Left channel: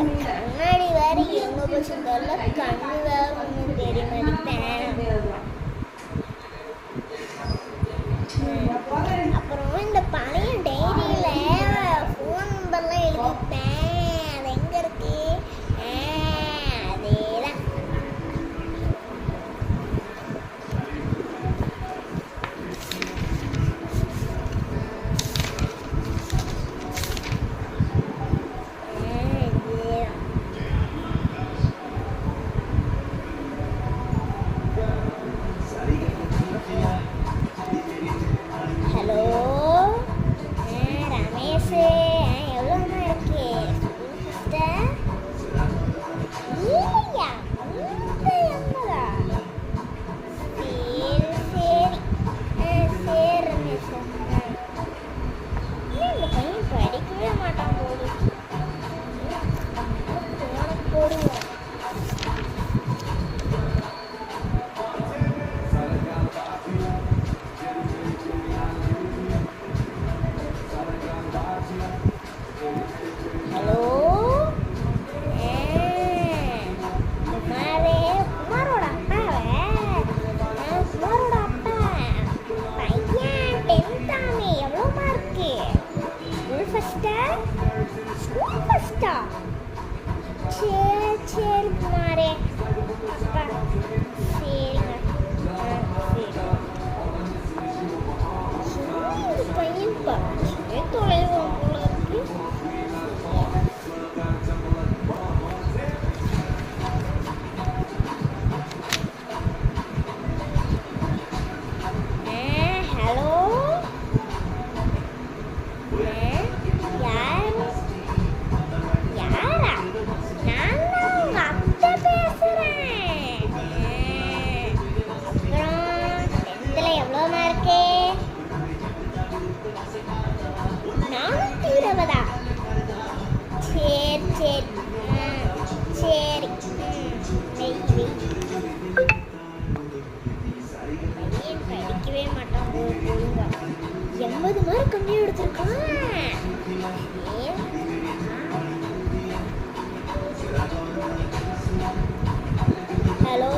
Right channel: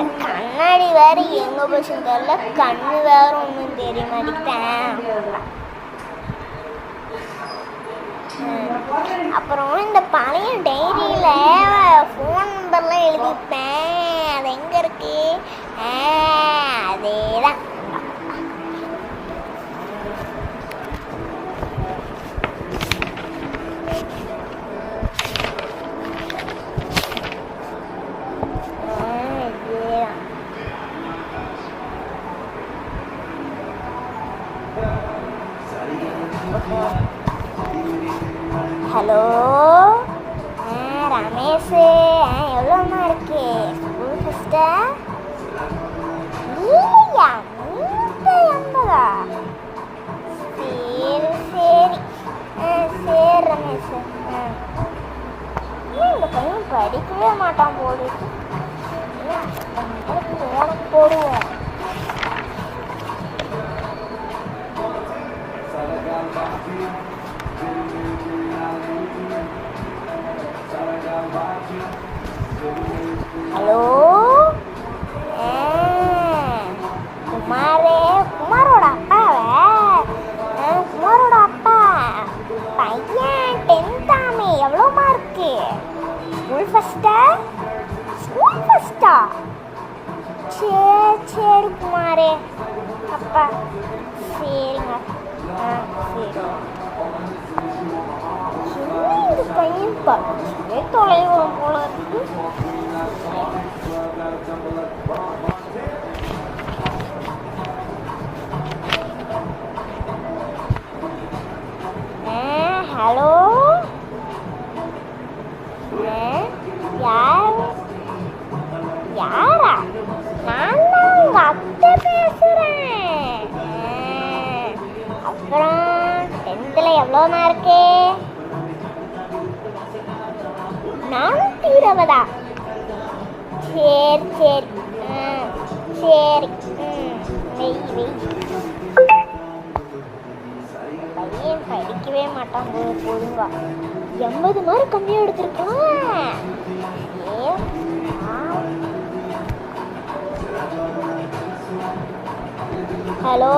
கண்ணாடி வேற எங்க போச்சுன்னு தெரியல, கண்ணு வேற ஒன்றும் தெரிய மாட்டேங்கிட்டேன். அப்புறம் இந்த பழைய டைரியில ஃபோன் நம்பர்லாம் எழுதிப்பேன், அது எங்க இருக்கு? அதேதான். ஹலோ ரமேஷ், எவ்வளோமா இருக்கு ஸ்கூல் ஃபஸ்ட்டா? இல்லையா 180? சரி சரி சரி ரமேஷ். இந்த பையன் படிக்கவே மாட்டான் போடு, போடுவோம். ஹலோ குமாரே, குமாரோட அப்பாவே? குமாரோட அப்பா பையன் 10th எவ்வளோ மார்க்கு? ஸ்கூல் ஃபஸ்ட்டா? ஸ்கூல் ஃபஸ்ட்டா? சரி சரி குமாரே அப்பா. சரிங்க. சரி. இந்த பையன் படிச்சே தொலைவோம் போல இருக்கு. ஹலோ யாரா? நான் தான் உங்க அத்தை பேசுறேன். அப்புறம் 10th எவ்வளோ மார்க்கு? 420? சரி சரி சரி. பையன் படிக்கவே மாட்டான் போதுங்க, 80 மார்க் கம்மியாக எடுத்திருக்கான். ஹலோ